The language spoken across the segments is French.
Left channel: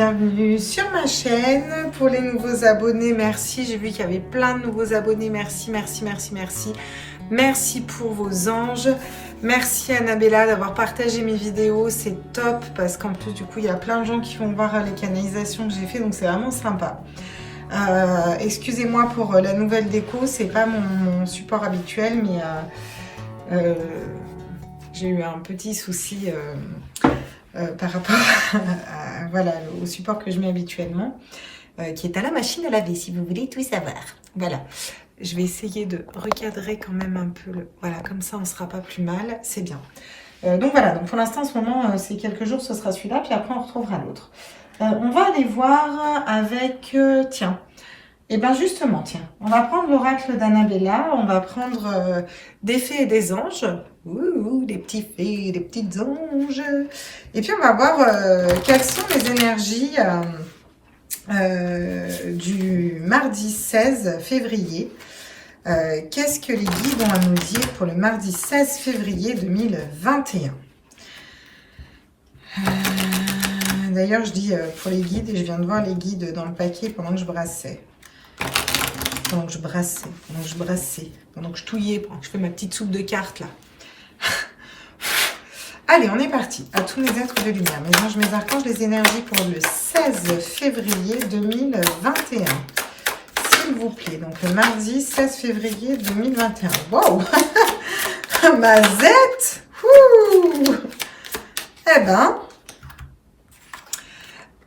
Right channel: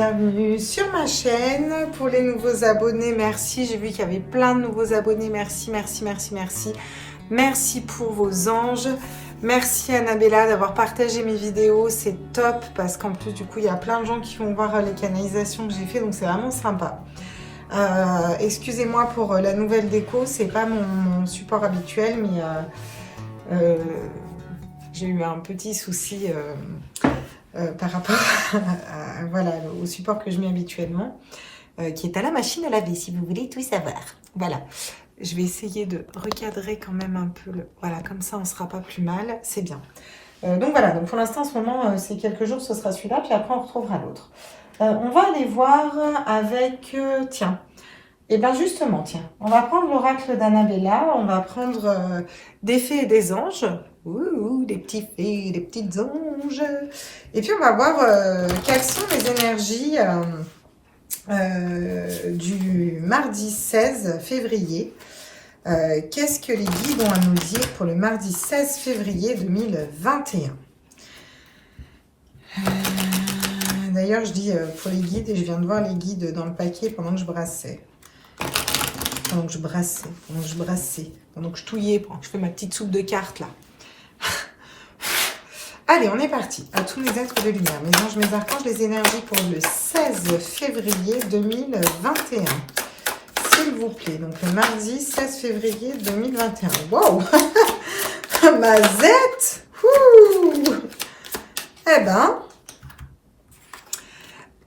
bienvenue sur ma chaîne. Pour les nouveaux abonnés, merci. J'ai vu qu'il y avait plein de nouveaux abonnés. Merci, merci, merci, merci. Merci pour vos anges. Merci Annabella d'avoir partagé mes vidéos. C'est top parce qu'en plus du coup, il y a plein de gens qui vont voir les canalisations que j'ai fait. Donc c'est vraiment sympa. Excusez-moi pour la nouvelle déco. C'est pas mon support habituel, mais j'ai eu un petit souci par rapport voilà, au support que je mets habituellement, qui est à la machine à laver, si vous voulez tout savoir. Voilà, je vais essayer de recadrer quand même un peu, voilà, comme ça on ne sera pas plus mal, c'est bien. Donc voilà, donc pour l'instant en ce moment, c'est quelques jours, ce sera celui-là, puis après on retrouvera l'autre. On va aller voir avec, tiens, et bien justement, tiens, on va prendre l'oracle d'Annabella, on va prendre des fées et des anges. Ouh, des petits fées, des petites anges. Et puis on va voir quelles sont les énergies du mardi 16 février. Qu'est-ce que les guides ont à nous dire pour le mardi 16 février 2021? D'ailleurs, je dis pour les guides et je viens de voir les guides dans le paquet pendant que je brassais. Pendant que je brassais, pendant que je touillais, pendant que je fais ma petite soupe de cartes là. Allez, on est parti. À tous mes êtres de lumière, mes anges, mes archanges, les énergies pour le 16 février 2021. S'il vous plaît. Donc le mardi 16 février 2021. Wow. Mazette. Ouh. Eh ben,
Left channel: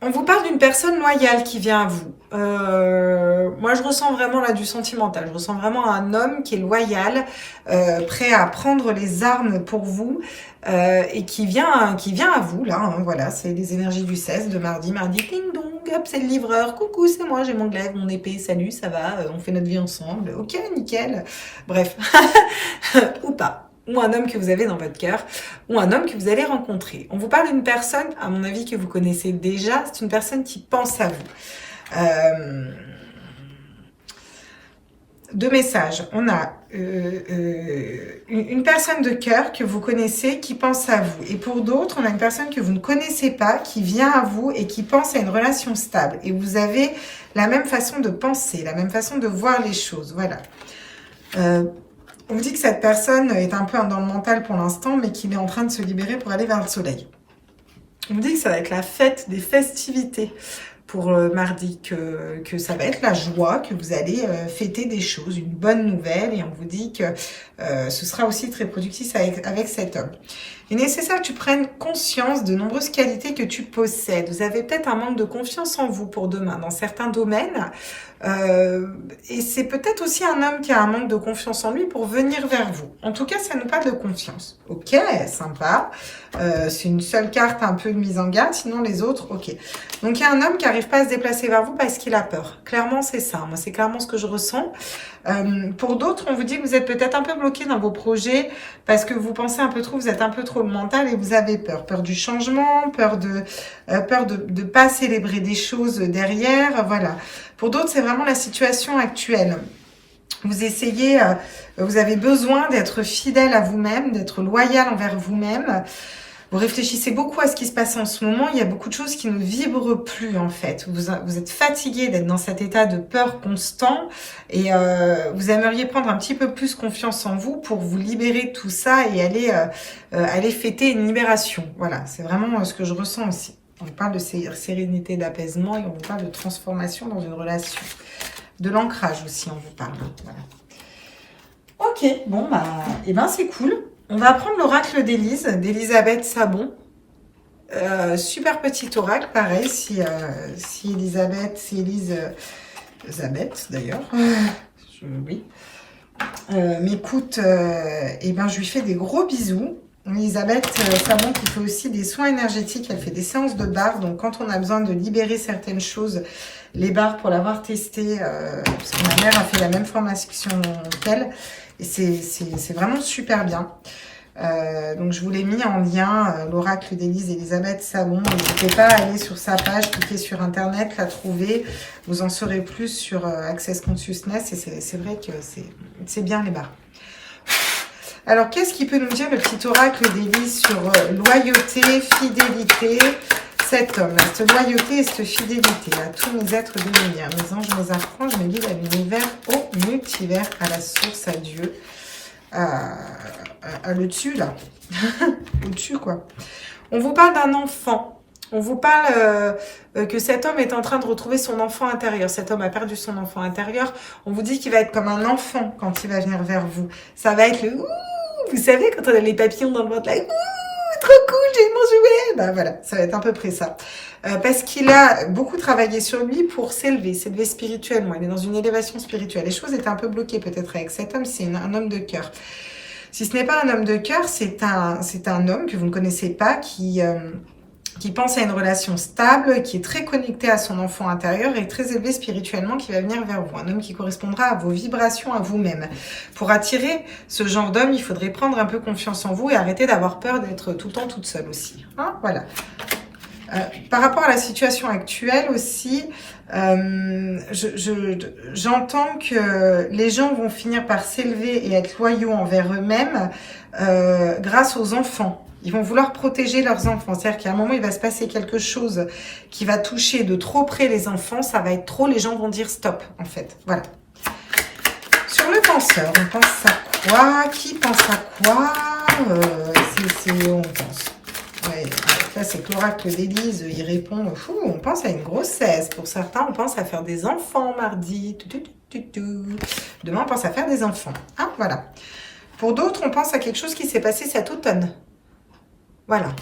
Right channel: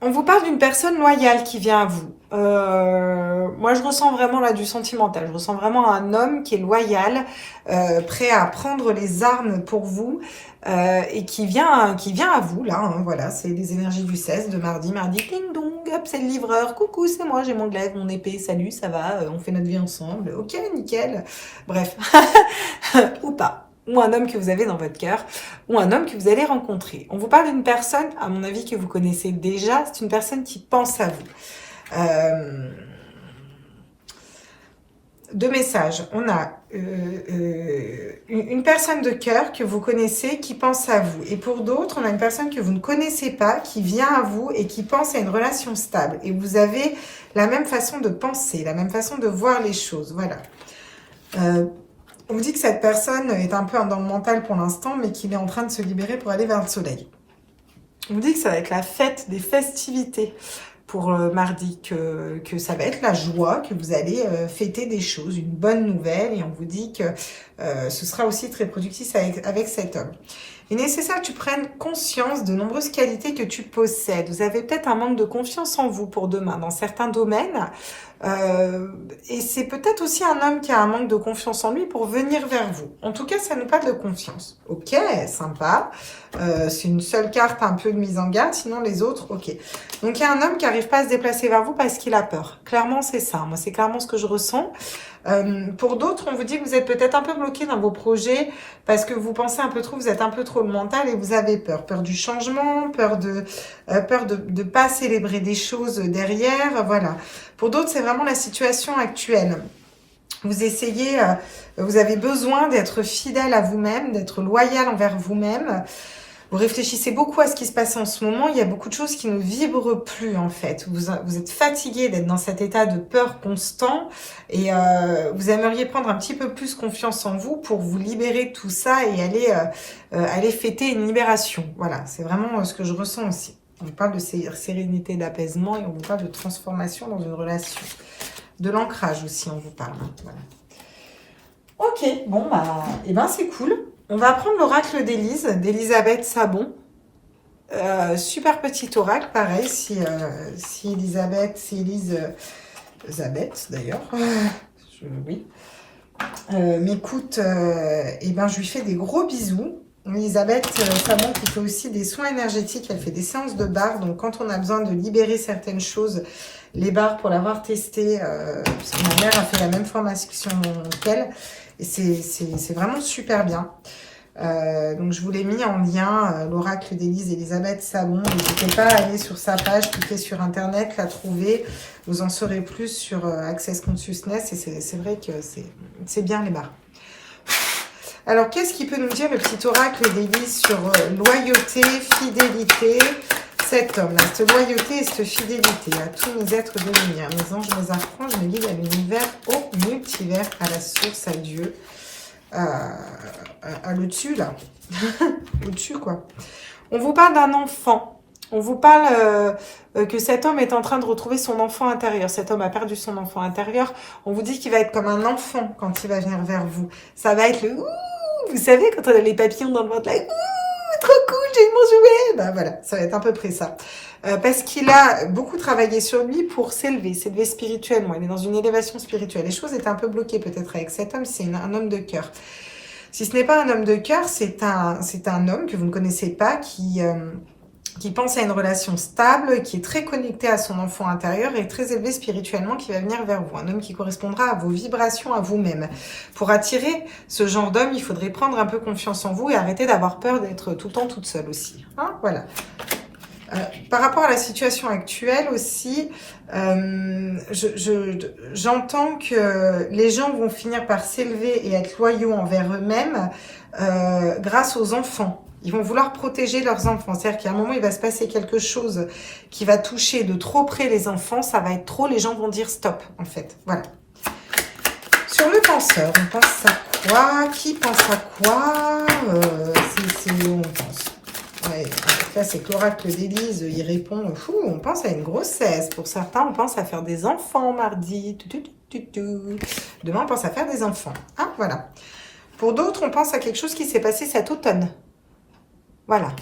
on vous parle d'une personne loyale qui vient à vous. Moi, je ressens vraiment là du sentimental. Je ressens vraiment un homme qui est loyal, prêt à prendre les armes pour vous et qui vient à vous là. Hein, voilà, c'est les énergies du 16 de mardi. Mardi, ding dong, hop, c'est le livreur. Coucou, c'est moi, j'ai mon glaive, mon épée. Salut, ça va, on fait notre vie ensemble. Ok, nickel. Bref, ou pas. Ou un homme que vous avez dans votre cœur, ou un homme que vous allez rencontrer. On vous parle d'une personne, à mon avis, que vous connaissez déjà. C'est une personne qui pense à vous. Deux messages. On a une personne de cœur que vous connaissez qui pense à vous. Et pour d'autres, on a une personne que vous ne connaissez pas qui vient à vous et qui pense à une relation stable. Et vous avez la même façon de penser, la même façon de voir les choses. Voilà. On vous dit que cette personne est un peu dans le mental pour l'instant, mais qu'il est en train de se libérer pour aller vers le soleil. On vous dit que ça va être la fête des festivités pour mardi, que ça va être la joie, que vous allez fêter des choses, une bonne nouvelle, et on vous dit que ce sera aussi très productif avec cet homme. Il est nécessaire que tu prennes conscience de nombreuses qualités que tu possèdes. Vous avez peut-être un manque de confiance en vous pour demain dans certains domaines. Et c'est peut-être aussi un homme qui a un manque de confiance en lui pour venir vers vous. En tout cas, ça nous parle de confiance. Ok, sympa. C'est une seule carte un peu mise en garde, sinon les autres, ok. Donc, il y a un homme qui n'arrive pas à se déplacer vers vous parce qu'il a peur. Clairement, c'est ça. Moi, c'est clairement ce que je ressens. Pour d'autres, on vous dit que vous êtes peut-être un peu bloqué dans vos projets parce que vous pensez un peu trop, vous êtes un peu trop le mental et vous avez peur. Peur du changement, peur de pas célébrer des choses derrière, voilà. Pour d'autres, c'est vraiment la situation actuelle. Vous essayez, vous avez besoin d'être fidèle à vous-même, d'être loyal envers vous-même. Vous réfléchissez beaucoup à ce qui se passe en ce moment. Il y a beaucoup de choses qui ne vibrent plus, en fait. Vous êtes fatigué d'être dans cet état de peur constant et vous aimeriez prendre un petit peu plus confiance en vous pour vous libérer de tout ça et aller fêter une libération. Voilà, c'est vraiment ce que je ressens aussi. On vous parle de sérénité, d'apaisement et on vous parle de transformation dans une relation. De l'ancrage aussi, on vous parle. Voilà. Ok, bon, bah, et ben c'est cool. On va prendre l'oracle d'Élise, d'Elisabeth Sabon. Super petit oracle, pareil, si Elisabeth, c'est Elisabeth d'ailleurs. Oui. M'écoute, et ben je lui fais des gros bisous. Elisabeth Sabon qui fait aussi des soins énergétiques, elle fait des séances de barres. Donc quand on a besoin de libérer certaines choses, les barres pour l'avoir testé, parce que ma mère a fait la même formation qu'elle. Et c'est vraiment super bien. Donc je vous l'ai mis en lien, l'oracle d'Élise Elisabeth Sabon. N'hésitez pas à aller sur sa page, cliquer sur internet, la trouver. Vous en saurez plus sur Access Consciousness. Et c'est vrai que c'est bien les barres. Alors qu'est-ce qu'il peut nous dire le petit oracle d'Élise sur loyauté, fidélité, cet homme, cette loyauté et cette fidélité à tous mes êtres de lumière, mes anges, mes archanges, mes guides, à l'univers, au multivers, à la source, à Dieu, à le dessus là, au-dessus quoi. On vous parle d'un enfant, on vous parle que cet homme est en train de retrouver son enfant intérieur. Cet homme a perdu son enfant intérieur. On vous dit qu'il va être comme un enfant quand il va venir vers vous. Ça va être le ouh, vous savez, quand on a les papillons dans le ventre là, ouh, trop cool, j'ai eu mon jouet. Ben voilà, ça va être à peu près ça. Parce qu'il a beaucoup travaillé sur lui pour s'élever spirituellement. Il est dans une élévation spirituelle. Les choses étaient un peu bloquées peut-être avec cet homme. C'est un homme de cœur. Si ce n'est pas un homme de cœur, c'est un homme que vous ne connaissez pas qui pense à une relation stable, qui est très connecté à son enfant intérieur et très élevé spirituellement, qui va venir vers vous. Un homme qui correspondra à vos vibrations, à vous-même. Pour attirer ce genre d'homme, il faudrait prendre un peu confiance en vous et arrêter d'avoir peur d'être tout le temps toute seule aussi. Hein, voilà. Par rapport à la situation actuelle aussi, j'entends que les gens vont finir par s'élever et être loyaux envers eux-mêmes grâce aux enfants. Ils vont vouloir protéger leurs enfants. C'est-à-dire qu'à un moment, il va se passer quelque chose qui va toucher de trop près les enfants. Ça va être trop, les gens vont dire stop, en fait. Voilà. Sur le penseur, on pense à quoi? Qui pense à quoi? On pense. Ouais, là, c'est l'oracle d'Élise. Il répond, on pense à une grossesse. Pour certains, on pense à faire des enfants mardi. Demain, on pense à faire des enfants. Hein, voilà. Pour d'autres, on pense à quelque chose qui s'est passé cet automne. Voilà.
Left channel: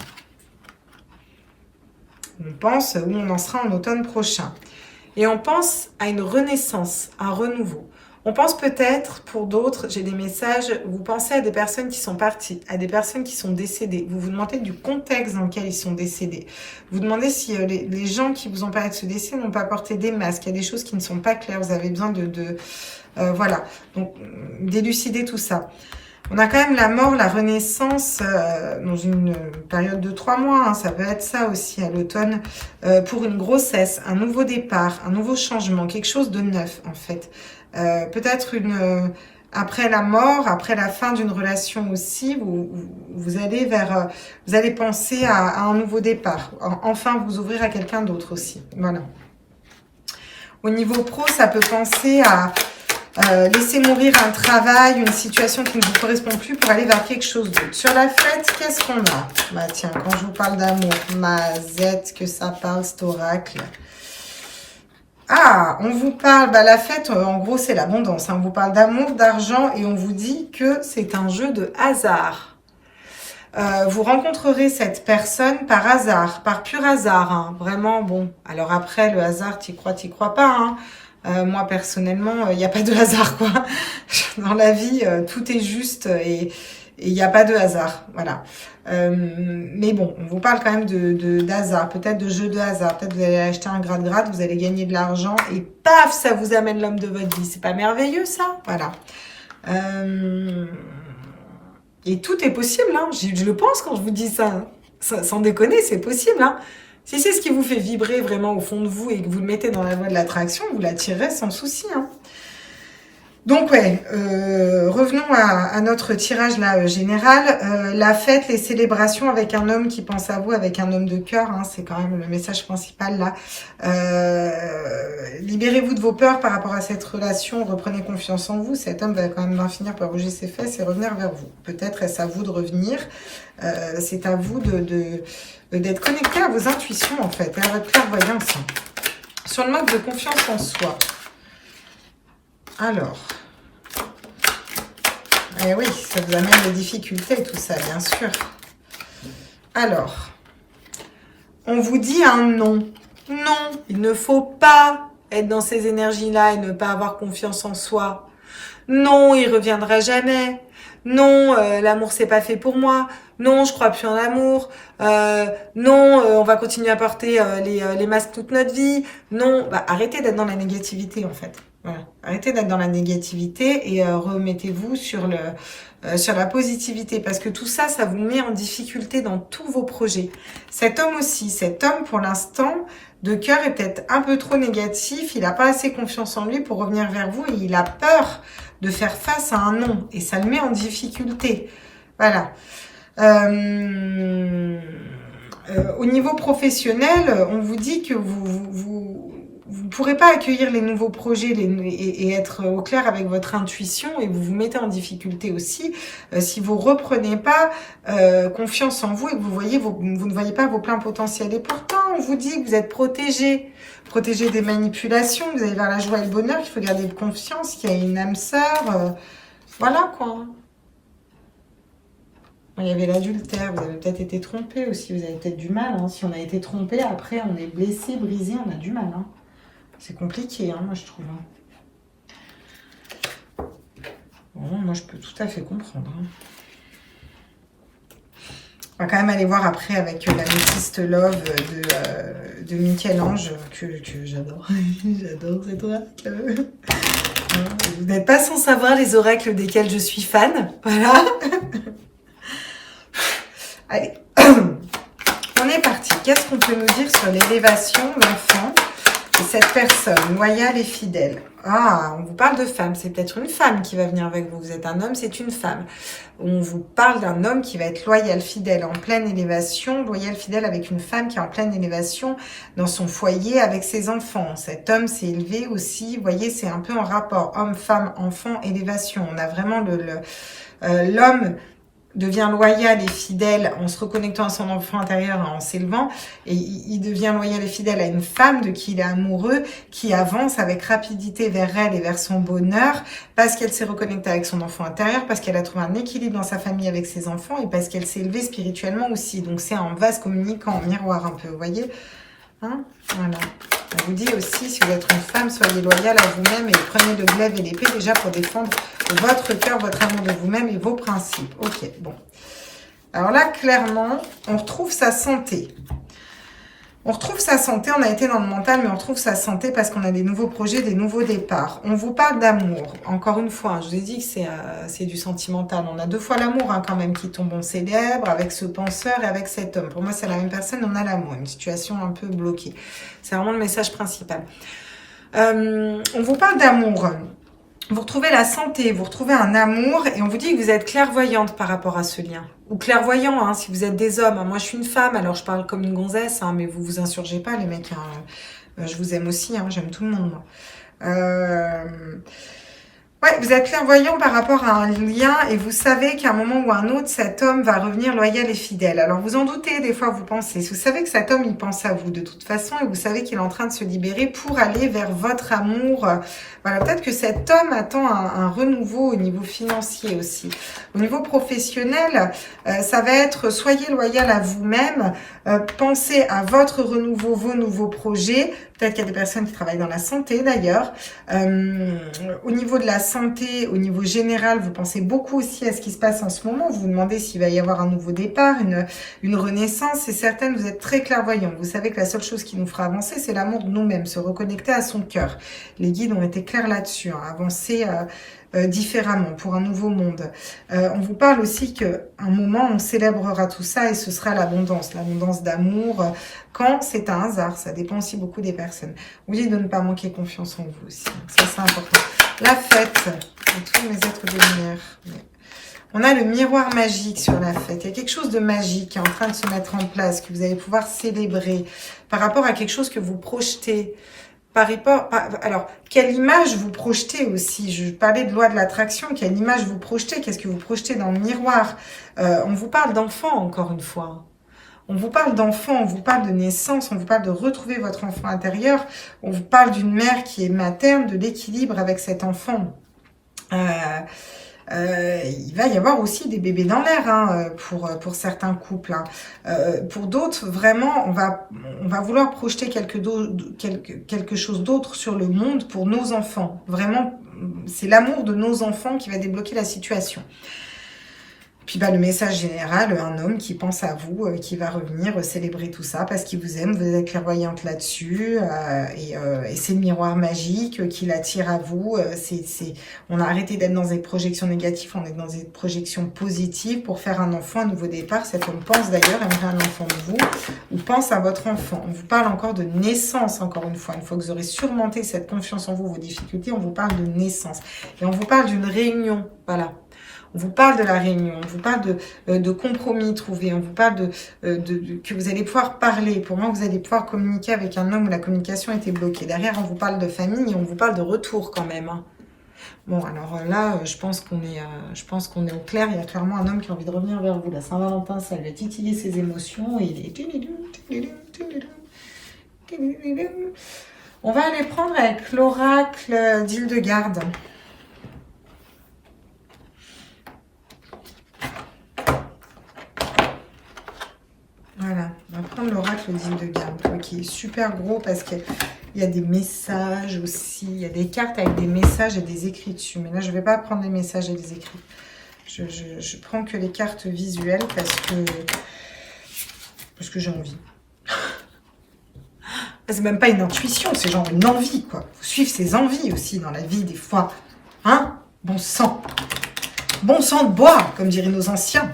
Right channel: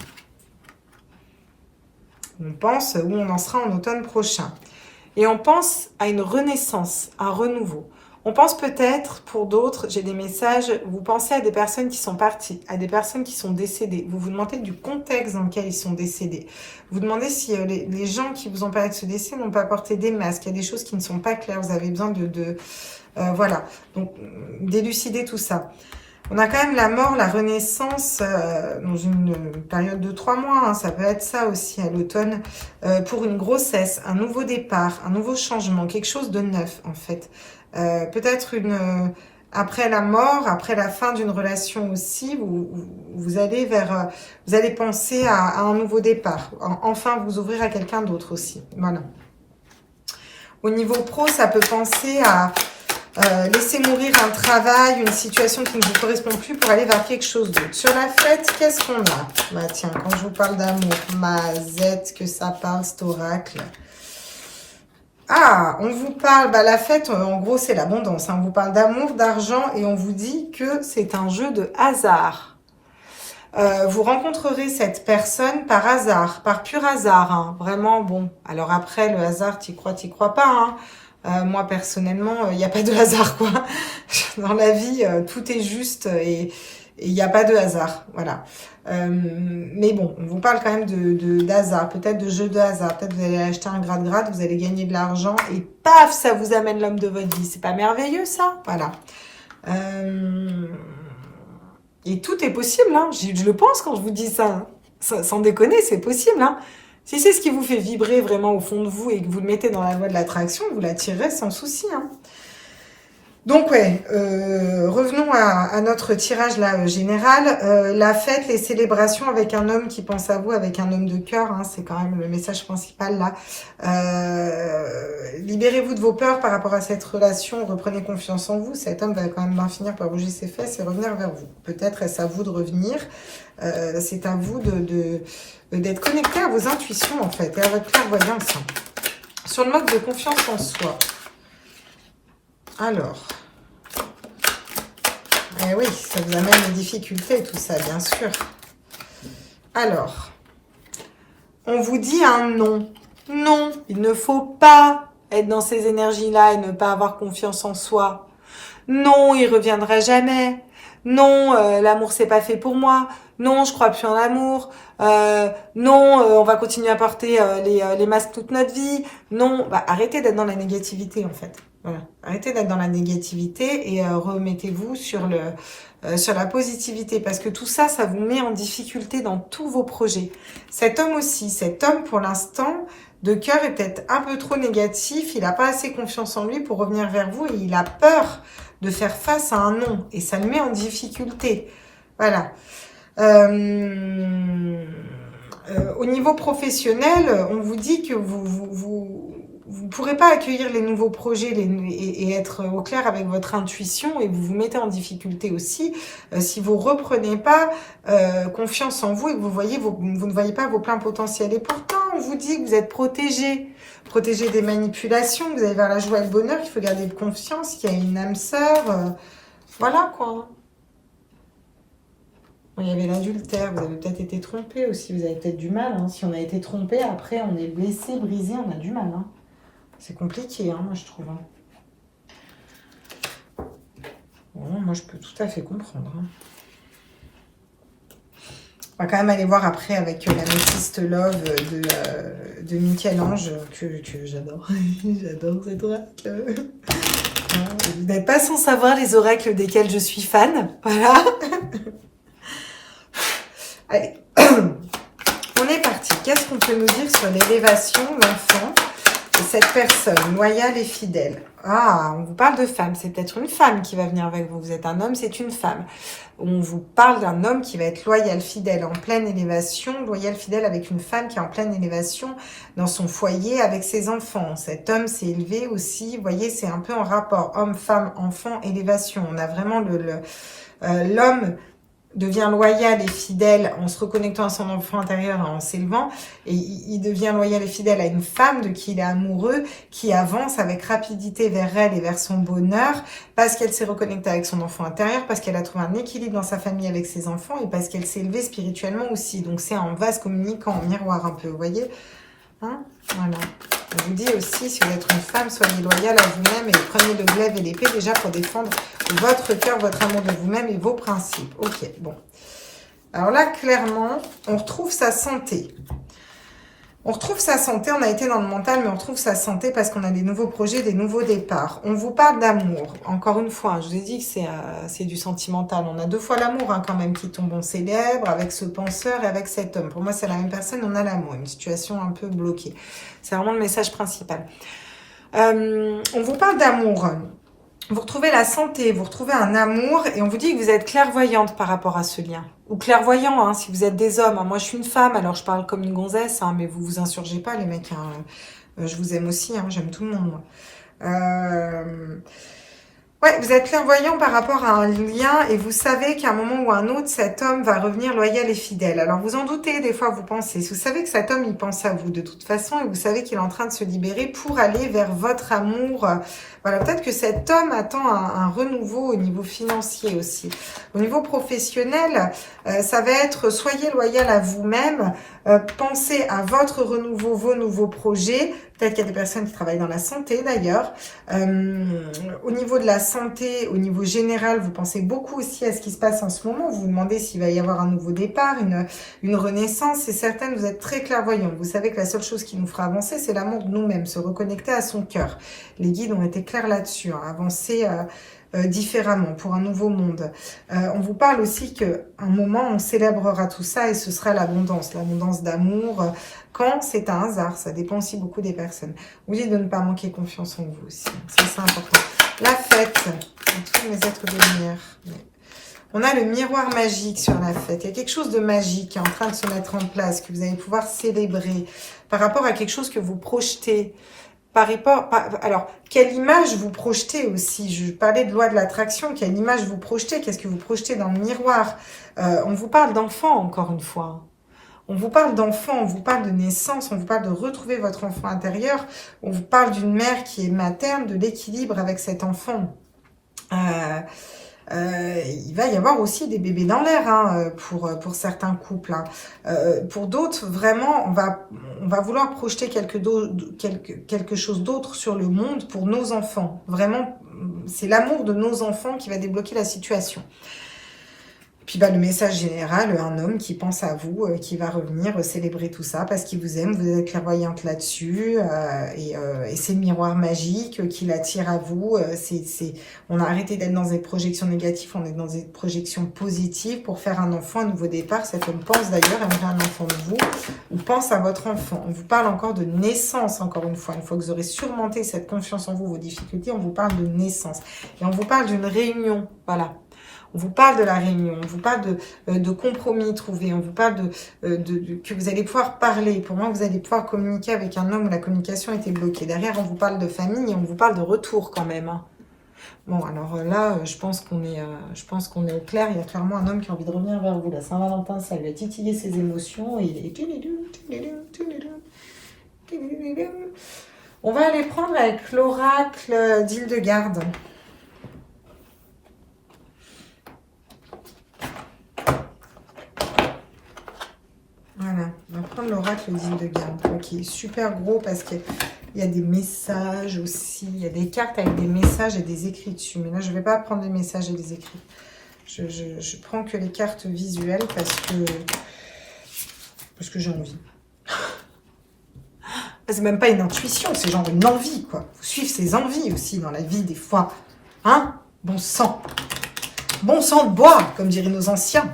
On pense où on en sera en automne prochain. Et on pense à une renaissance, un renouveau. On pense peut-être, pour d'autres, j'ai des messages, vous pensez à des personnes qui sont parties, à des personnes qui sont décédées. Vous vous demandez du contexte dans lequel ils sont décédés. Vous demandez si les gens qui vous ont parlé de ce décès n'ont pas porté des masques. Il y a des choses qui ne sont pas claires. Vous avez besoin voilà. Donc, d'élucider tout ça. On a quand même la mort, la renaissance dans une période de 3 mois. Hein, ça peut être ça aussi à l'automne. Pour une grossesse, un nouveau départ, un nouveau changement, quelque chose de neuf en fait. Peut-être après la mort, après la fin d'une relation aussi, vous allez vous allez penser à un nouveau départ. Enfin, vous ouvrir à quelqu'un d'autre aussi. Voilà. Au niveau pro, ça peut penser à laisser mourir un travail, une situation qui ne vous correspond plus pour aller vers quelque chose d'autre. Sur la fête, qu'est-ce qu'on a? Bah tiens, quand je vous parle d'amour, mazette, que ça parle, cet oracle. Ah, on vous parle, la fête, en gros, c'est l'abondance. Hein. On vous parle d'amour, d'argent et on vous dit que c'est un jeu de hasard. Vous rencontrerez cette personne par hasard, par pur hasard. Hein. Vraiment, bon. Alors après, le hasard, t'y crois pas, hein. Moi, personnellement, il n'y a pas de hasard, quoi. Dans la vie, tout est juste et il n'y a pas de hasard. Voilà. Mais bon, on vous parle quand même d'hasard, peut-être de jeu de hasard. Peut-être vous allez acheter un grade, vous allez gagner de l'argent et paf, ça vous amène l'homme de votre vie. C'est pas merveilleux, ça? Voilà. Et tout est possible, hein. Je le pense quand je vous dis ça. Hein. Sans déconner, c'est possible, hein. Si c'est ce qui vous fait vibrer vraiment au fond de vous et que vous le mettez dans la voie de l'attraction, vous l'attirez sans souci. Hein. Donc ouais, revenons à notre tirage là général. La fête, les célébrations avec un homme qui pense à vous, avec un homme de cœur, hein, c'est quand même le message principal là. Libérez-vous de vos peurs par rapport à cette relation, reprenez confiance en vous. Cet homme va quand même bien finir par bouger ses fesses et revenir vers vous. Peut-être est-ce à vous de revenir, c'est à vous d'être connecté à vos intuitions en fait, à votre clairvoyance. Sur le mode de confiance en soi. Alors, eh oui, ça vous amène des difficultés tout ça, bien sûr. Alors, on vous dit un non. Non, il ne faut pas être dans ces énergies-là et ne pas avoir confiance en soi. Non, il reviendra jamais. Non, l'amour c'est pas fait pour moi. Non, je crois plus en l'amour. Non, on va continuer à porter les masques toute notre vie. Non, arrêtez d'être dans la négativité en fait. Voilà. Arrêtez d'être dans la négativité et remettez-vous sur la positivité parce que tout ça, ça vous met en difficulté dans tous vos projets. Cet homme aussi, cet homme pour l'instant de cœur est peut-être un peu trop négatif, il n'a pas assez confiance en lui pour revenir vers vous et il a peur de faire face à un non et ça le met en difficulté. Voilà. Au niveau professionnel, on vous dit que vous pourrez pas accueillir les nouveaux projets et être au clair avec votre intuition, et vous vous mettez en difficulté aussi si vous reprenez pas confiance en vous et que vous ne voyez pas vos pleins potentiels. Et pourtant, on vous dit que vous êtes protégé des manipulations, vous allez vers la joie et le bonheur, qu'il faut garder de confiance, qu'il y a une âme sœur. Voilà quoi. Il y avait l'adultère, vous avez peut-être été trompé aussi, vous avez peut-être du mal. Hein. Si on a été trompé, après on est blessé, brisé, on a du mal. Hein. C'est compliqué, hein, moi je trouve. Hein. Bon, moi je peux tout à fait comprendre. Hein. On va quand même aller voir après avec la Métiste Love de Michel-Ange, que j'adore. J'adore cette oracle. Vous n'êtes pas sans savoir les oracles desquels je suis fan. Voilà. Allez, on est parti. Qu'est-ce qu'on peut nous dire sur l'élévation d'enfant de cette personne loyale et fidèle? Ah, on vous parle de femme. C'est peut-être une femme qui va venir avec vous. Vous êtes un homme, c'est une femme. On vous parle d'un homme qui va être loyal, fidèle, en pleine élévation. Loyal, fidèle avec une femme qui est en pleine élévation dans son foyer avec ses enfants. Cet homme s'est élevé aussi. Vous voyez, c'est un peu en rapport. Homme, femme, enfant, élévation. On a vraiment l'homme devient loyal et fidèle en se reconnectant à son enfant intérieur et en s'élevant. Et il devient loyal et fidèle à une femme de qui il est amoureux, qui avance avec rapidité vers elle et vers son bonheur, parce qu'elle s'est reconnectée avec son enfant intérieur, parce qu'elle a trouvé un équilibre dans sa famille avec ses enfants et parce qu'elle s'est élevée spirituellement aussi. Donc c'est en vase communicant, en miroir un peu, vous voyez, hein, voilà. On vous dit aussi, si vous êtes une femme, soyez loyale à vous-même et prenez de glaive et l'épée déjà pour défendre votre cœur, votre amour de vous-même et vos principes. Ok, bon. Alors là, clairement, on retrouve sa santé. On retrouve sa santé, on a été dans le mental, mais on retrouve sa santé parce qu'on a des nouveaux projets, des nouveaux départs. On vous parle d'amour. Encore une fois, je vous ai dit que c'est du sentimental. On a deux fois l'amour hein, quand même qui tombe. On célèbre avec ce penseur et avec cet homme. Pour moi, c'est la même personne, on a l'amour. Une situation un peu bloquée. C'est vraiment le message principal. On vous parle d'amour. Vous retrouvez la santé, vous retrouvez un amour et on vous dit que vous êtes clairvoyante par rapport à ce lien. Ou clairvoyant, hein, si vous êtes des hommes. Hein. Moi, je suis une femme, alors je parle comme une gonzesse, hein, mais vous vous insurgez pas, les mecs. Hein. Je vous aime aussi, hein, j'aime tout le monde. Moi. Ouais, vous êtes clairvoyant par rapport à un lien et vous savez qu'à un moment ou un autre, cet homme va revenir loyal et fidèle. Alors, vous en doutez, des fois, vous pensez. Vous savez que cet homme, il pense à vous de toute façon et vous savez qu'il est en train de se libérer pour aller vers votre amour. Voilà, peut-être que cet homme attend un renouveau au niveau financier aussi. Au niveau professionnel, ça va être soyez loyal à vous-même, pensez à votre renouveau, vos nouveaux projets. Peut-être qu'il y a des personnes qui travaillent dans la santé d'ailleurs. Au niveau de la santé, au niveau général, vous pensez beaucoup aussi à ce qui se passe en ce moment. Vous vous demandez s'il va y avoir un nouveau départ, une renaissance. C'est certain, vous êtes très clairvoyant. Vous savez que la seule chose qui nous fera avancer, c'est l'amour de nous-mêmes, se reconnecter à son cœur. Les guides ont été clairs là-dessus, hein, avancer différemment pour un nouveau monde. On vous parle aussi qu'à un moment, on célébrera tout ça et ce sera l'abondance d'amour. Quand c'est un hasard, ça dépend aussi beaucoup des personnes. Vous dites de ne pas manquer confiance en vous aussi. Ça, c'est important. La fête de tous mes êtres de lumière. On a le miroir magique sur la fête. Il y a quelque chose de magique qui est en train de se mettre en place, que vous allez pouvoir célébrer par rapport à quelque chose que vous projetez. Alors, quelle image vous projetez aussi? Je parlais de loi de l'attraction. Quelle image vous projetez? Qu'est-ce que vous projetez dans le miroir? On vous parle d'enfant, encore une fois. On vous parle d'enfant, on vous parle de naissance, on vous parle de retrouver votre enfant intérieur. On vous parle d'une mère qui est materne, de l'équilibre avec cet enfant. Il va y avoir aussi des bébés dans l'air hein, pour certains couples. Hein. Pour d'autres, vraiment, on va vouloir projeter quelque chose d'autre sur le monde pour nos enfants. Vraiment, c'est l'amour de nos enfants qui va débloquer la situation. Puis le message général, un homme qui pense à vous, qui va revenir célébrer tout ça parce qu'il vous aime, vous êtes clairvoyante là-dessus et c'est le miroir magique qui l'attire à vous. On a arrêté d'être dans des projections négatives, on est dans des projections positives pour faire un enfant, un nouveau départ. Cet homme pense d'ailleurs aimerait un enfant de vous ou pense à votre enfant. On vous parle encore de naissance, encore une fois que vous aurez surmonté cette confiance en vous, vos difficultés, on vous parle de naissance et on vous parle d'une réunion, voilà. On vous parle de la réunion, on vous parle de compromis trouvés, on vous parle que vous allez pouvoir parler. Pour moi, vous allez pouvoir communiquer avec un homme où la communication était bloquée. Derrière, on vous parle de famille et on vous parle de retour quand même. Hein. Bon, alors là, je pense qu'on est au clair. Il y a clairement un homme qui a envie de revenir vers vous. La Saint-Valentin, ça lui a titillé ses émotions et il est... On va aller prendre avec l'oracle d'Hildegarde. Voilà, on va prendre l'oracle d'Hildegarde, qui est super gros parce qu'il y a des messages aussi. Il y a des cartes avec des messages et des écrits dessus. Mais là, je ne vais pas prendre les messages et les écrits. Je prends que les cartes visuelles parce que j'ai envie. C'est même pas une intuition, c'est genre une envie, quoi. Faut suivre ses envies aussi dans la vie, des fois. Hein? Bon sang. Bon sang de bois, comme diraient nos anciens.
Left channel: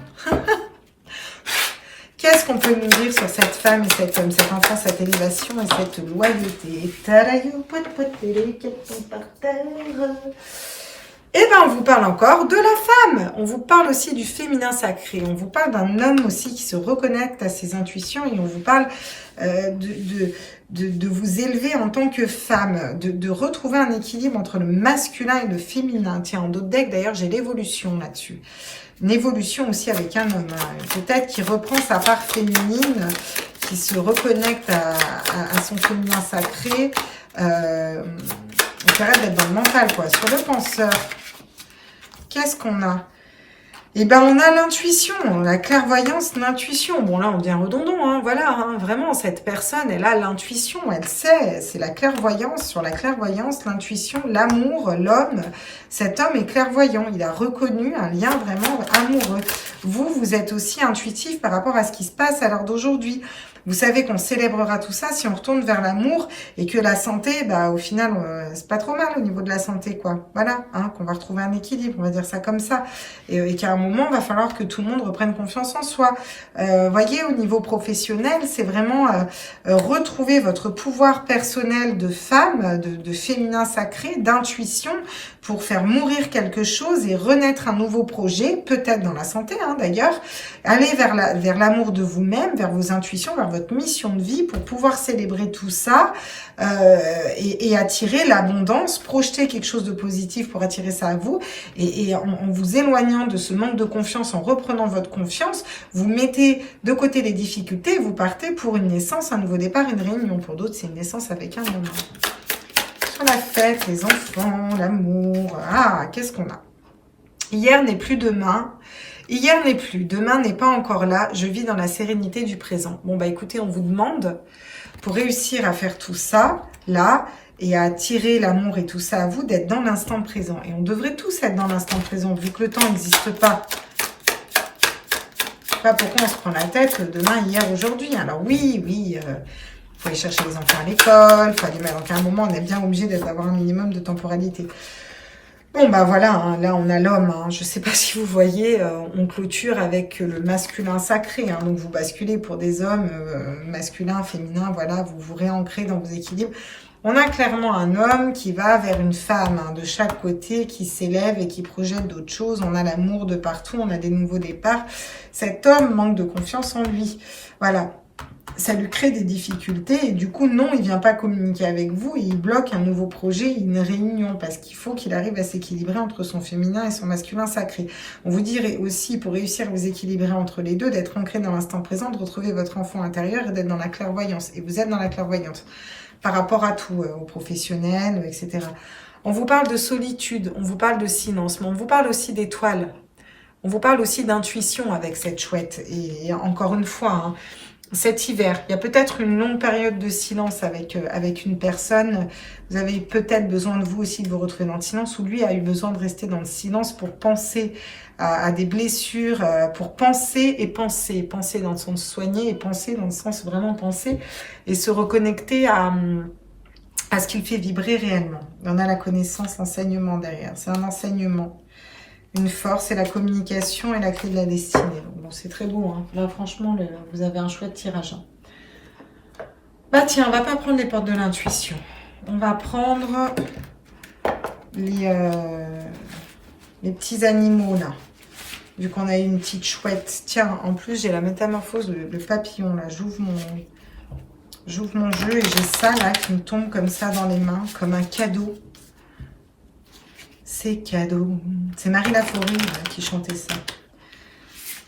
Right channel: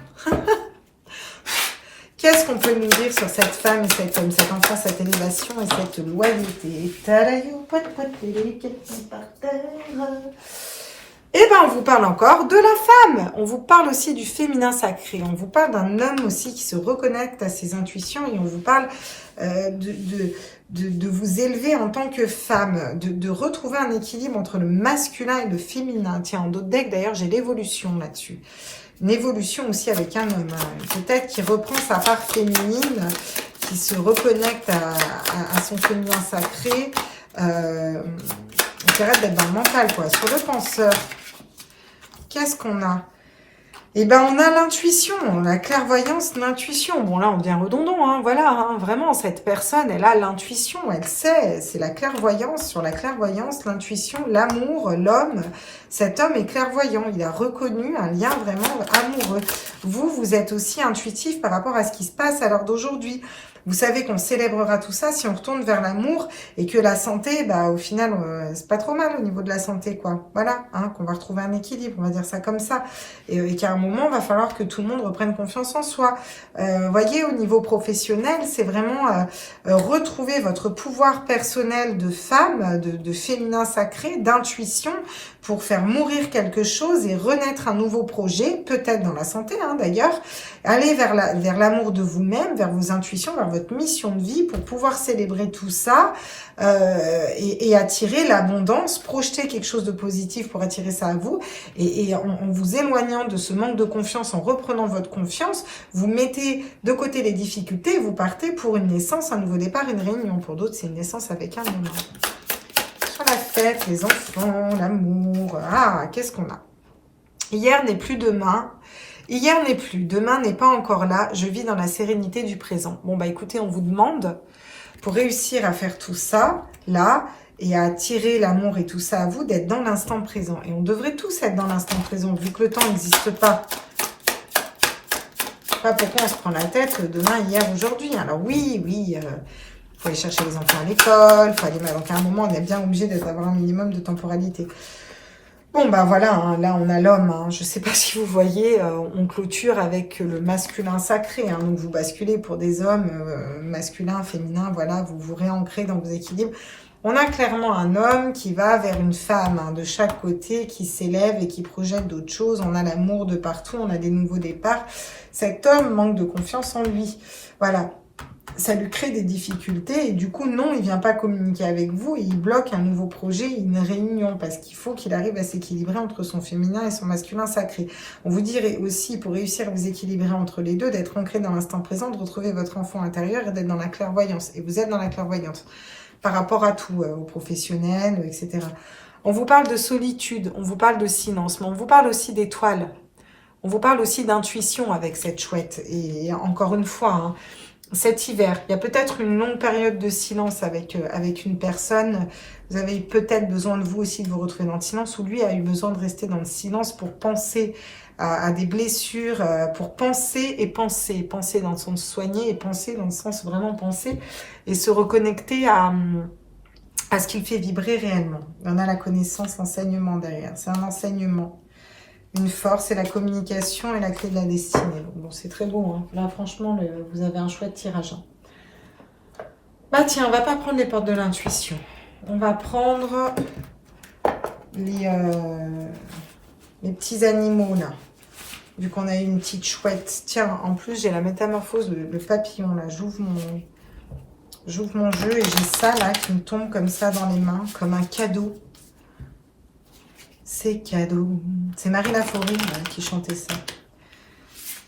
Qu'est-ce qu'on peut nous dire sur cette femme et cet homme, cet enfant, cette élévation et cette loyauté? Et bien, on vous parle encore de la femme. On vous parle aussi du féminin sacré. On vous parle d'un homme aussi qui se reconnecte à ses intuitions et on vous parle de vous élever en tant que femme, de retrouver un équilibre entre le masculin et le féminin. Tiens, en d'autres decks, d'ailleurs, j'ai l'évolution là-dessus. Une évolution aussi avec un homme. Peut-être qui reprend sa part féminine, qui se reconnecte à son féminin sacré. On arrête d'être dans le mental, quoi. Sur le penseur, qu'est-ce qu'on a? Eh ben, on a l'intuition, la clairvoyance, l'intuition. Bon, là, on devient redondant, hein, voilà, hein, vraiment, cette personne, elle a l'intuition, elle sait, c'est la clairvoyance, sur la clairvoyance, l'intuition, l'amour, l'homme. Cet homme est clairvoyant, il a reconnu un lien vraiment amoureux. Vous êtes aussi intuitif par rapport à ce qui se passe à l'heure d'aujourd'hui. Vous savez qu'on célébrera tout ça si on retourne vers l'amour et que la santé, bah, au final, c'est pas trop mal au niveau de la santé, quoi. Voilà, hein, qu'on va retrouver un équilibre, on va dire ça comme ça. Et qu'à un moment, il va falloir que tout le monde reprenne confiance en soi. Voyez, au niveau professionnel, c'est vraiment retrouver votre pouvoir personnel de femme, de féminin sacré, d'intuition, pour faire mourir quelque chose et renaître un nouveau projet, peut-être dans la santé, hein, d'ailleurs. Aller vers l'amour de vous-même, vers vos intuitions, vers votre mission de vie pour pouvoir célébrer tout ça et attirer l'abondance, projeter quelque chose de positif pour attirer ça à vous. Et en vous éloignant de ce manque de confiance, en reprenant votre confiance, vous mettez de côté les difficultés et vous partez pour une naissance, un nouveau départ, une réunion. Pour d'autres, c'est une naissance avec un homme. Sur la fête, les enfants, l'amour. Ah, qu'est-ce qu'on a? Hier n'est plus demain. Hier n'est plus, demain n'est pas encore là, je vis dans la sérénité du présent. Bon, bah écoutez, on vous demande, pour réussir à faire tout ça, là, et à attirer l'amour et tout ça à vous, d'être dans l'instant présent. Et on devrait tous être dans l'instant présent, vu que le temps n'existe pas. Je sais pas pourquoi on se prend la tête demain, hier, aujourd'hui. Alors oui, faut aller chercher les enfants à l'école, faut aller... Donc à un moment, on est bien obligé d'avoir un minimum de temporalité. Bon, bah voilà, hein, là on a l'homme, hein. Je ne sais pas si vous voyez, on clôture avec le masculin sacré, hein, donc vous basculez pour des hommes masculins, féminins, voilà, vous vous réancrez dans vos équilibres. On a clairement un homme qui va vers une femme, hein, de chaque côté, qui s'élève et qui projette d'autres choses. On a l'amour de partout, on a des nouveaux départs. Cet homme manque de confiance en lui, voilà. Ça lui crée des difficultés et du coup, non, il ne vient pas communiquer avec vous et il bloque un nouveau projet, une réunion, parce qu'il faut qu'il arrive à s'équilibrer entre son féminin et son masculin sacré. On vous dirait aussi, pour réussir à vous équilibrer entre les deux, d'être ancré dans l'instant présent, de retrouver votre enfant intérieur et d'être dans la clairvoyance. Et vous êtes dans la clairvoyance par rapport à tout, aux professionnels, etc. On vous parle de solitude, on vous parle de silence, mais on vous parle aussi d'étoiles. On vous parle aussi d'intuition avec cette chouette. Et encore une fois, hein, cet hiver, il y a peut-être une longue période de silence avec une personne. Vous avez peut-être besoin de vous aussi de vous retrouver dans le silence, ou lui a eu besoin de rester dans le silence pour penser à des blessures, pour penser et penser. Penser dans le sens soigner et penser dans le sens vraiment penser et se reconnecter à ce qu'il fait vibrer réellement. On a la connaissance, l'enseignement derrière. C'est un enseignement. Une force et la communication et la clé de la destinée. Donc, bon, c'est très beau. Hein. Là, franchement, vous avez un chouette tirage. Hein. Bah tiens, on va pas prendre les portes de l'intuition. On va prendre les petits animaux là. vu qu'on a eu une petite chouette. Tiens, en plus, j'ai la métamorphose, le papillon, là. J'ouvre mon jeu et j'ai ça, là, qui me tombe comme ça dans les mains, comme un cadeau. C'est cadeau. C'est Marie Laforêt qui chantait ça.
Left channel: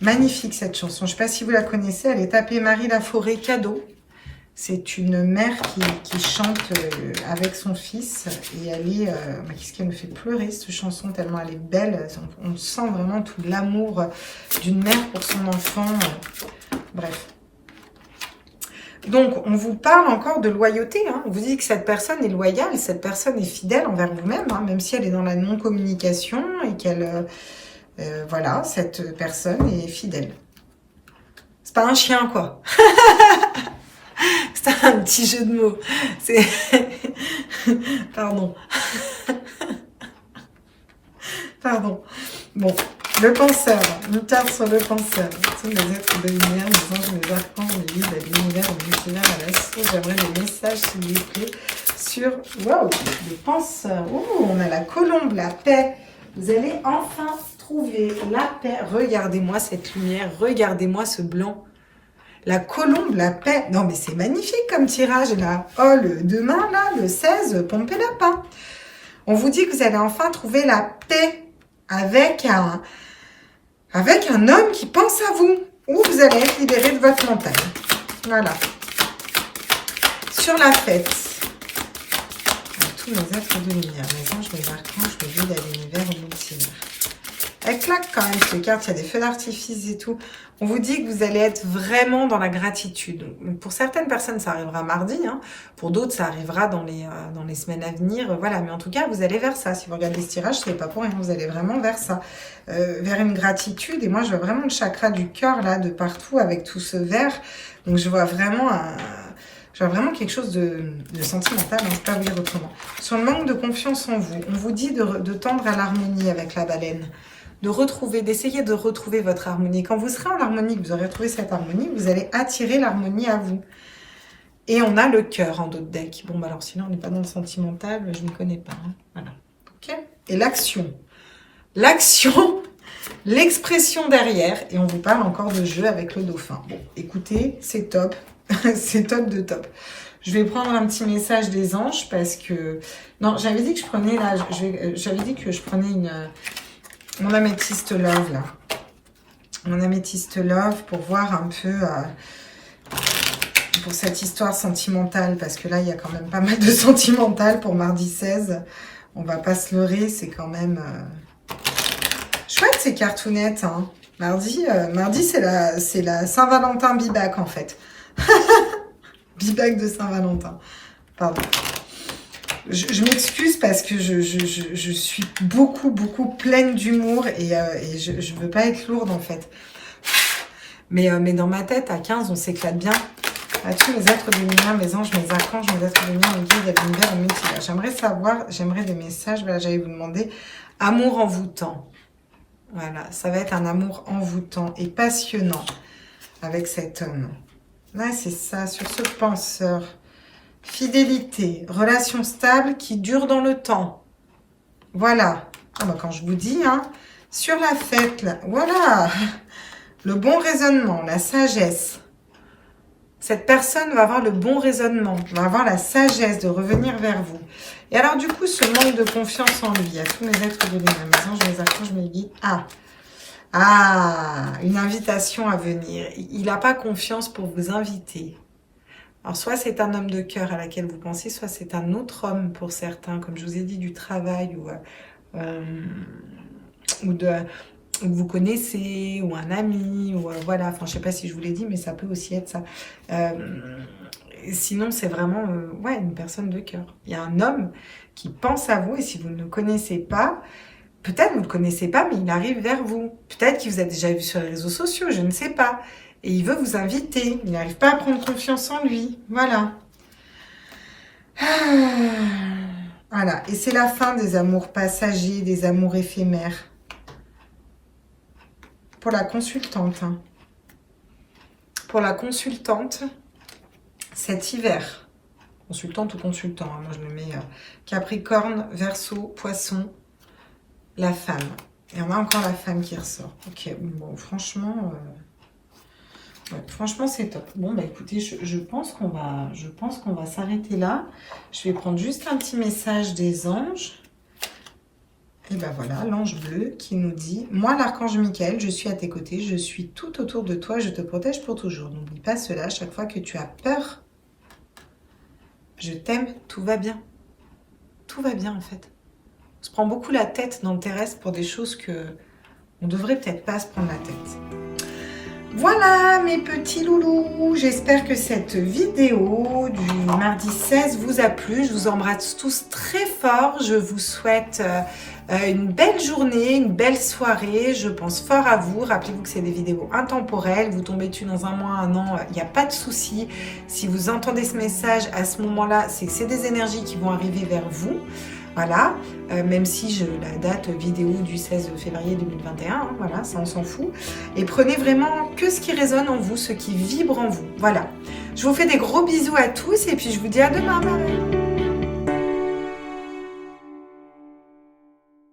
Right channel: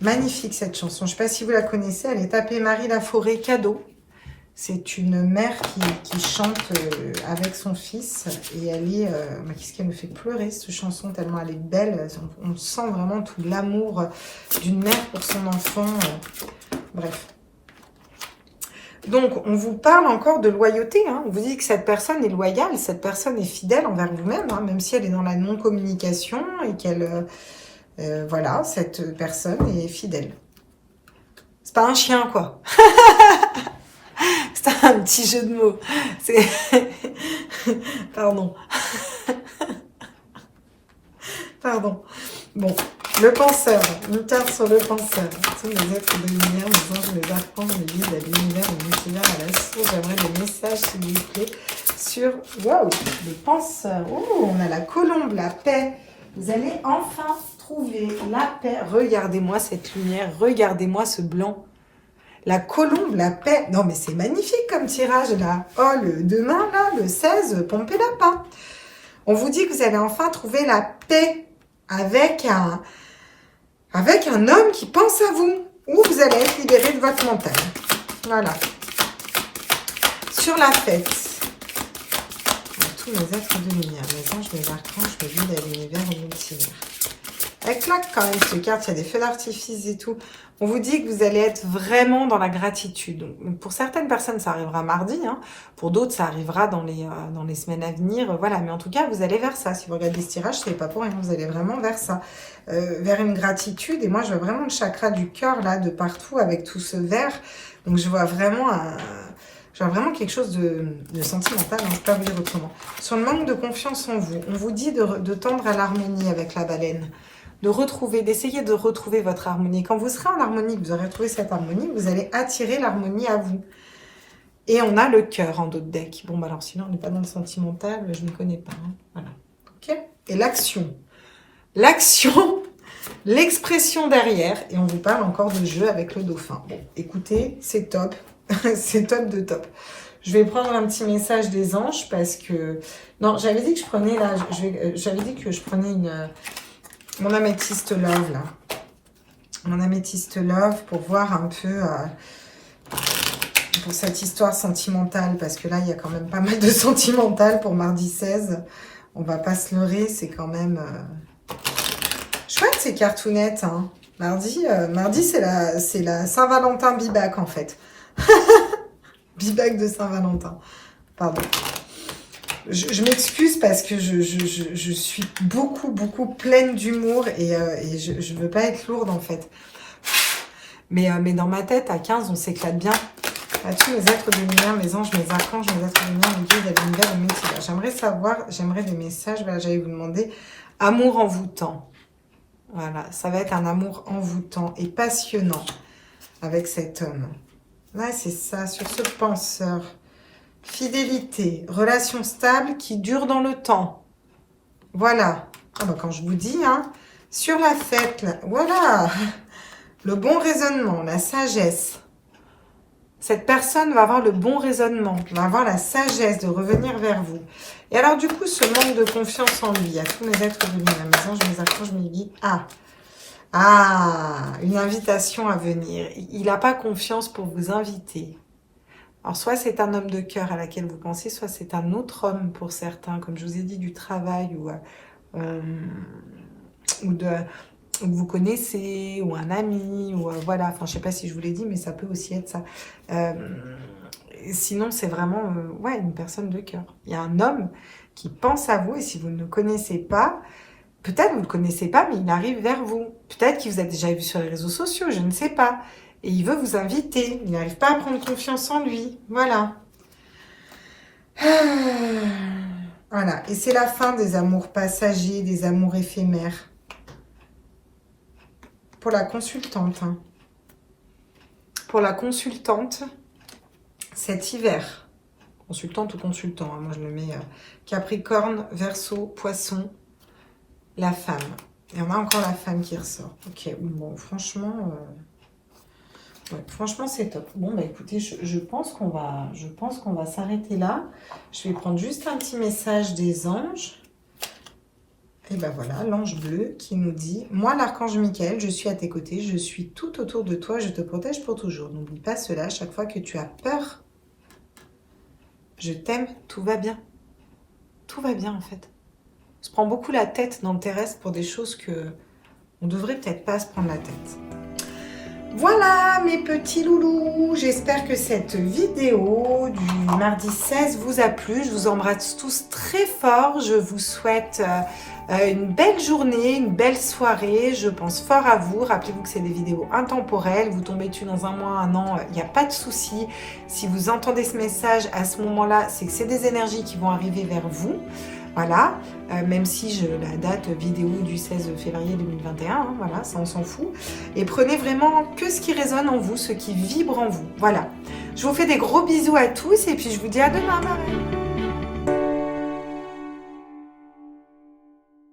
Magnifique, cette chanson. Je ne sais pas si vous la connaissez. Elle est tapée Marie Laforêt, cadeau. C'est une mère qui chante avec son fils. Et elle est... qu'est-ce qu'elle me fait pleurer, cette chanson, tellement elle est belle. On sent vraiment tout l'amour d'une mère pour son enfant. Bref. Donc, on vous parle encore de loyauté. Hein. On vous dit que cette personne est loyale, cette personne est fidèle envers vous-même, hein, même si elle est dans la non-communication et qu'elle... voilà, cette personne est fidèle. C'est pas un chien, quoi. C'est un petit jeu de mots. C'est... Pardon. Pardon. Bon, le penseur. Une carte sur le penseur. Tous les êtres de lumière, les anges, les archanges, les guides, la lumière, le multivers, à la j'aimerais des messages, s'il vous plaît, sur... Waouh, le penseur. Oh, on a la colombe, la paix. Vous allez enfin trouver la paix. Regardez-moi cette lumière. Regardez-moi ce blanc. La colombe, la paix. Non, mais c'est magnifique comme tirage, là. Oh, demain, là, le 16, pompez lapin. On vous dit que vous allez enfin trouver la paix avec un homme qui pense à vous. Ou vous allez être libéré de votre mental. Voilà. Sur la fête. Tous mes êtres de lumière, mes anges, mes archanges, mes guides à l'univers, au multivers. Elle claque quand même cette carte, il y a des feux d'artifice et tout. On vous dit que vous allez être vraiment dans la gratitude. Pour certaines personnes, ça arrivera mardi. Hein. Pour d'autres, ça arrivera dans les semaines à venir. Voilà, mais en tout cas, vous allez vers ça. Si vous regardez ce tirage, ce n'est pas pour rien. Vous allez vraiment vers ça. Vers une gratitude. Et moi, je vois vraiment le chakra du cœur, là, de partout, avec tout ce vert. Donc, je vois vraiment quelque chose de sentimental, hein, je ne peux pas vous dire autrement. Sur le manque de confiance en vous, on vous dit de tendre à l'harmonie avec la baleine. D'essayer de retrouver votre harmonie. Quand vous serez en harmonie, que vous aurez retrouvé cette harmonie, vous allez attirer l'harmonie à vous. Et on a le cœur en d'autres decks. Bon, bah alors sinon, on n'est pas dans le sentimental, je ne connais pas. Hein. Voilà. Ok. Et l'action. L'action, l'expression derrière. Et on vous parle encore de jeu avec le dauphin. Bon, écoutez, c'est top. C'est top de top. Je vais prendre un petit message des anges parce que... Non, j'avais dit que je prenais là... J'avais dit que je prenais mon améthyste love, là. Mon améthyste love pour voir un peu... pour cette histoire sentimentale. Parce que là, il y a quand même pas mal de sentimental pour mardi 16. On va pas se leurrer. C'est quand même... chouette, ces cartounettes. Hein. Mardi c'est la Saint-Valentin Bibac, en fait. Bibac de Saint-Valentin. Pardon. Je m'excuse parce que je suis beaucoup pleine d'humour et je ne veux pas être lourde en fait. Mais dans ma tête, à 15, on s'éclate bien. À tous mes êtres de lumière, mes anges, mes archanges, mes êtres de lumière, mes guides, de l'univers, le multivers. J'aimerais des messages. Voilà, j'allais vous demander amour envoûtant. Voilà, ça va être un amour envoûtant et passionnant avec cet homme. Ouais, c'est ça, sur ce penseur. Fidélité, relation stable qui dure dans le temps. Voilà. Ah bah quand je vous dis, hein, sur la fête, là, voilà. Le bon raisonnement, la sagesse. Cette personne va avoir le bon raisonnement, va avoir la sagesse de revenir vers vous. Et alors du coup, ce manque de confiance en lui, à tous mes êtres de lumière, mes anges, mes archanges, mes guides. Une invitation à venir. Il n'a pas confiance pour vous inviter. Alors, soit c'est un homme de cœur à laquelle vous pensez, soit c'est un autre homme pour certains, comme je vous ai dit, du travail ou que vous connaissez, ou un ami, ou voilà. Enfin, je ne sais pas si je vous l'ai dit, mais ça peut aussi être ça. Sinon, c'est vraiment une personne de cœur. Il y a un homme qui pense à vous, et si vous ne le connaissez pas, peut-être vous ne le connaissez pas, mais il arrive vers vous. Peut-être qu'il vous a déjà vu sur les réseaux sociaux, je ne sais pas. Et il veut vous inviter. Il n'arrive pas à prendre confiance en lui. Voilà. Voilà. Et c'est la fin des amours passagers, des amours éphémères. Pour la consultante. Hein. Pour la consultante, cet hiver. Consultante ou consultant. Hein. Moi, je me mets Capricorne, Verseau, Poisson. La femme. Et on a encore la femme qui ressort. Ok, bon, franchement, ouais, franchement, c'est top. Bon, bah écoutez, je pense qu'on va s'arrêter là. Je vais prendre juste un petit message des anges. Et ben voilà, l'ange bleu qui nous dit: moi, l'archange Michael, je suis à tes côtés, je suis tout autour de toi, je te protège pour toujours. N'oublie pas cela, chaque fois que tu as peur, je t'aime, tout va bien. Tout va bien en fait. On se prend beaucoup la tête dans le terrestre pour des choses que on devrait peut-être pas se prendre la tête. Voilà mes petits loulous, j'espère que cette vidéo du mardi 16 vous a plu. Je vous embrasse tous très fort, je vous souhaite une belle journée, une belle soirée, je pense fort à vous. Rappelez-vous que c'est des vidéos intemporelles, vous tombez dessus dans un mois, un an, il n'y a pas de souci. Si vous entendez ce message à ce moment-là, c'est que c'est des énergies qui vont arriver vers vous. Voilà, même si la date vidéo du 16 février 2021, hein, voilà, ça on s'en fout. Et prenez vraiment que ce qui résonne en vous, ce qui vibre en vous. Voilà, je vous fais des gros bisous à tous et puis je vous dis à demain.